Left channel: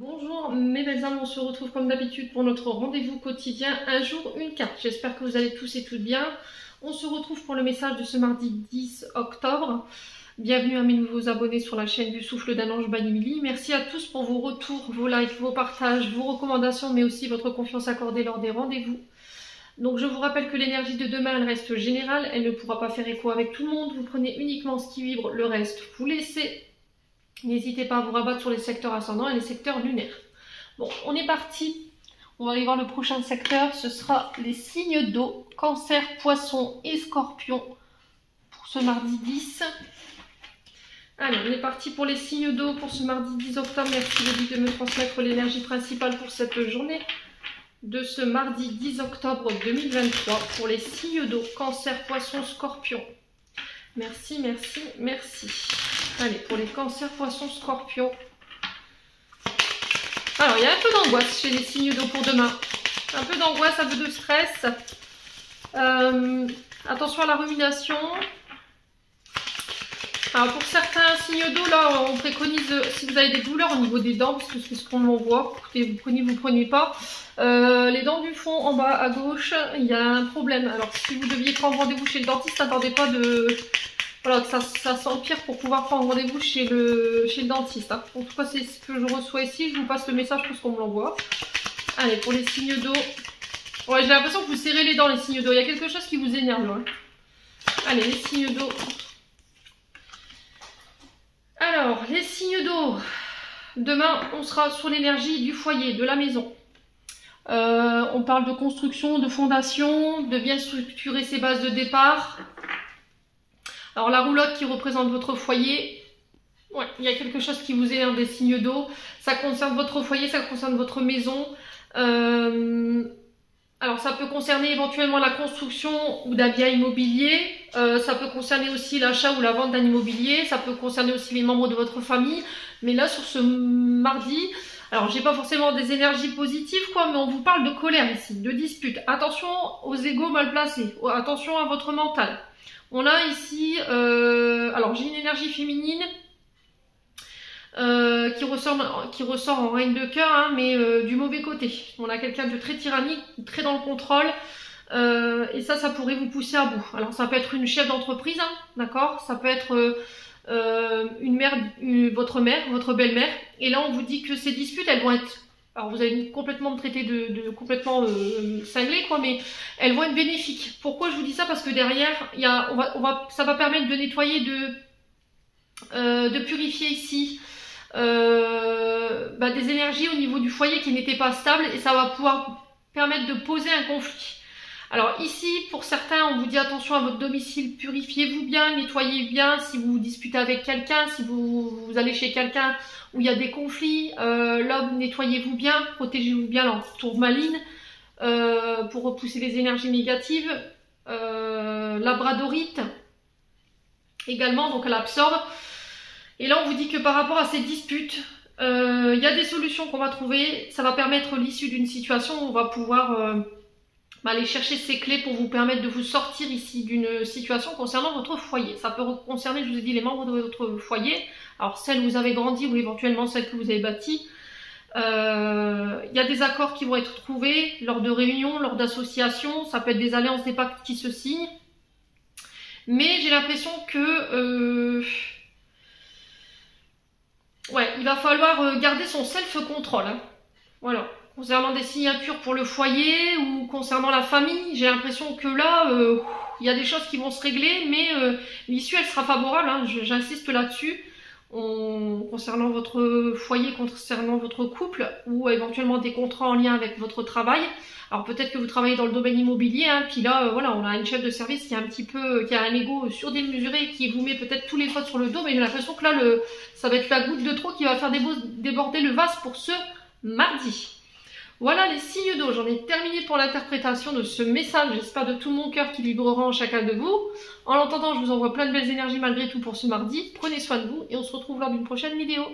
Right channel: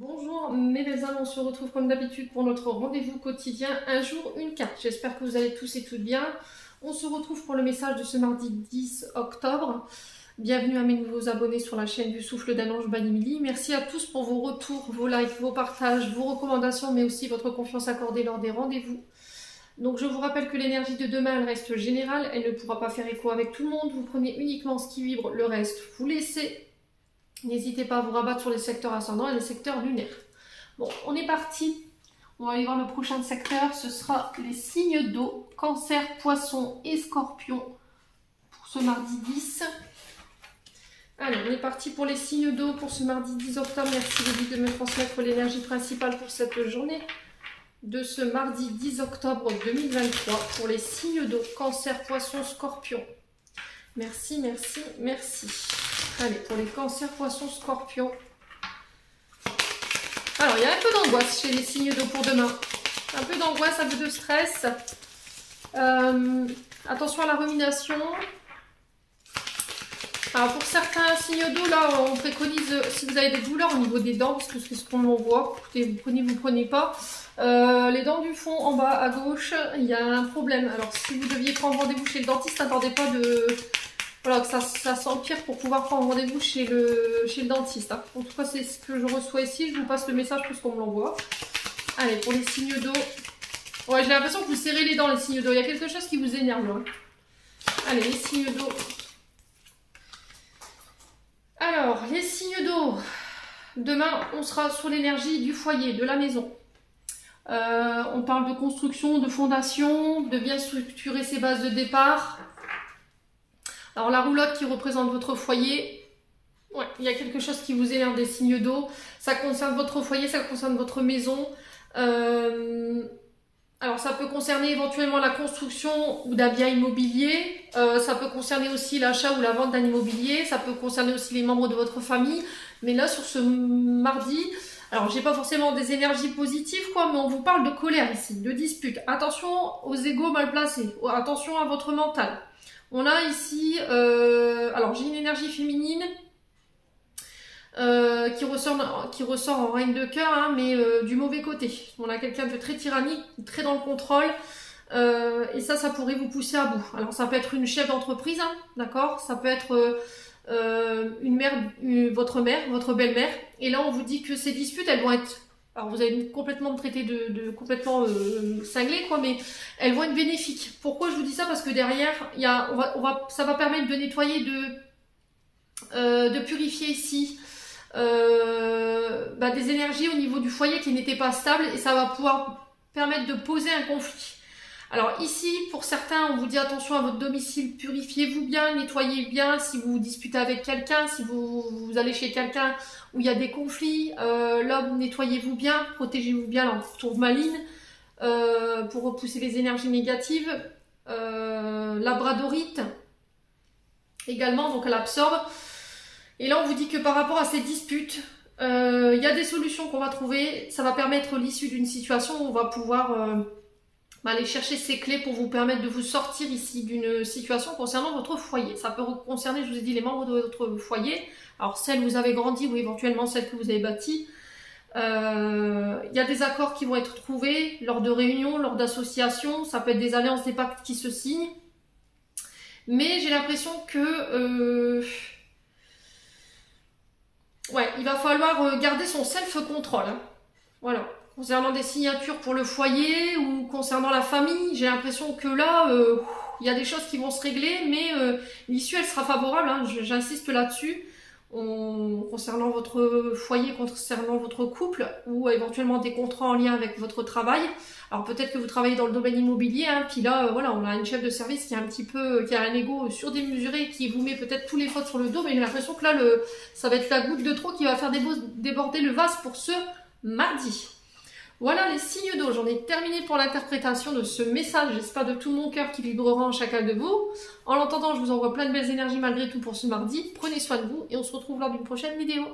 Bonjour mes belles âmes, on se retrouve comme d'habitude pour notre rendez-vous quotidien, un jour une carte. J'espère que vous allez tous et toutes bien. On se retrouve pour le message de ce mardi 10 octobre. Bienvenue à mes nouveaux abonnés sur la chaîne du Souffle d'un Ange by Émilie. Merci à tous pour vos retours, vos likes, vos partages, vos recommandations, mais aussi votre confiance accordée lors des rendez-vous. Donc je vous rappelle que l'énergie de demain, elle reste générale, elle ne pourra pas faire écho avec tout le monde. Vous prenez uniquement ce qui vibre, le reste vous laissez. N'hésitez pas à vous rabattre sur les secteurs ascendants et les secteurs lunaires. Bon, on est parti. On va aller voir le prochain secteur. Ce sera les signes d'eau, Cancer, Poisson et Scorpion pour ce mardi 10. Allez, on est parti pour les signes d'eau pour ce mardi 10 octobre. Merci de me transmettre l'énergie principale pour cette journée de ce mardi 10 octobre 2023 pour les signes d'eau, Cancer, Poisson, Scorpion. Merci, merci, merci. Allez, pour les cancers, poissons, scorpions. Alors, il y a un peu d'angoisse chez les signes d'eau pour demain. Un peu d'angoisse, un peu de stress. Attention à la rumination. Alors, pour certains signes d'eau, là, on préconise, si vous avez des douleurs au niveau des dents, parce que c'est ce qu'on voit, écoutez, vous prenez pas. Les dents du fond, en bas à gauche, il y a un problème. Alors, si vous deviez prendre rendez-vous chez le dentiste, n'attendez pas de... Voilà, que ça s'empire pour pouvoir prendre rendez-vous chez le dentiste. Hein. En tout cas, c'est ce que je reçois ici. Je vous passe le message parce qu'on me l'envoie. Allez, pour les signes d'eau. Ouais, j'ai l'impression que vous serrez les dents, les signes d'eau. Il y a quelque chose qui vous énerve. Hein. Allez, les signes d'eau. Alors, les signes d'eau. Demain, on sera sur l'énergie du foyer, de la maison. On parle de construction, de fondation, de bien structurer ses bases de départ. Alors la roulotte qui représente votre foyer, ouais, il y a quelque chose qui vous énerve des signes d'eau. Ça concerne votre foyer, ça concerne votre maison. Alors ça peut concerner éventuellement la construction ou d'un bien immobilier. Ça peut concerner aussi l'achat ou la vente d'un immobilier. Ça peut concerner aussi les membres de votre famille. Mais là sur ce mardi, alors j'ai pas forcément des énergies positives quoi, mais on vous parle de colère ici, de dispute. Attention aux égos mal placés, attention à votre mental. On a ici, alors j'ai une énergie féminine qui ressort en règne de cœur, hein, mais du mauvais côté. On a quelqu'un de très tyrannique, très dans le contrôle, et ça pourrait vous pousser à bout. Alors ça peut être une chef d'entreprise, hein, d'accord. Ça peut être une mère, votre mère, votre belle-mère. Et là on vous dit que ces disputes, elles vont être... Alors vous allez complètement me traiter de complètement cinglé quoi, mais elles vont être bénéfiques. Pourquoi je vous dis ça? Parce que derrière, ça va permettre de nettoyer, de purifier ici des énergies au niveau du foyer qui n'étaient pas stables et ça va pouvoir permettre de poser un conflit. Alors ici, pour certains, on vous dit attention à votre domicile, purifiez-vous bien, nettoyez bien si vous vous disputez avec quelqu'un, si vous allez chez quelqu'un où il y a des conflits, l'homme, nettoyez-vous bien, protégez-vous bien la tourmaline pour repousser les énergies négatives. Labradorite également, donc elle absorbe. Et là, on vous dit que par rapport à ces disputes, il y a des solutions qu'on va trouver. Ça va permettre l'issue d'une situation où on va pouvoir... aller chercher ces clés pour vous permettre de vous sortir ici d'une situation concernant votre foyer. Ça peut concerner, je vous ai dit, les membres de votre foyer. Alors celles où vous avez grandi ou éventuellement celles que vous avez bâties. Il y a des accords qui vont être trouvés lors de réunions, lors d'associations. Ça peut être des alliances, des pactes qui se signent. Mais j'ai l'impression que... ouais, il va falloir garder son self-control. Hein. Voilà. Concernant des signatures pour le foyer ou concernant la famille, j'ai l'impression que là, il y a des choses qui vont se régler, mais l'issue, elle sera favorable, hein, j'insiste là-dessus, concernant votre foyer, concernant votre couple, ou éventuellement des contrats en lien avec votre travail. Alors peut-être que vous travaillez dans le domaine immobilier, hein, puis là, voilà, on a une chef de service qui a un ego surdémesuré et qui vous met peut-être tous les fautes sur le dos, mais j'ai l'impression que là, ça va être la goutte de trop qui va faire déborder le vase pour ce mardi. Voilà les signes d'eau, j'en ai terminé pour l'interprétation de ce message, j'espère de tout mon cœur qui vibrera en chacun de vous. En l'entendant, je vous envoie plein de belles énergies malgré tout pour ce mardi. Prenez soin de vous et on se retrouve lors d'une prochaine vidéo.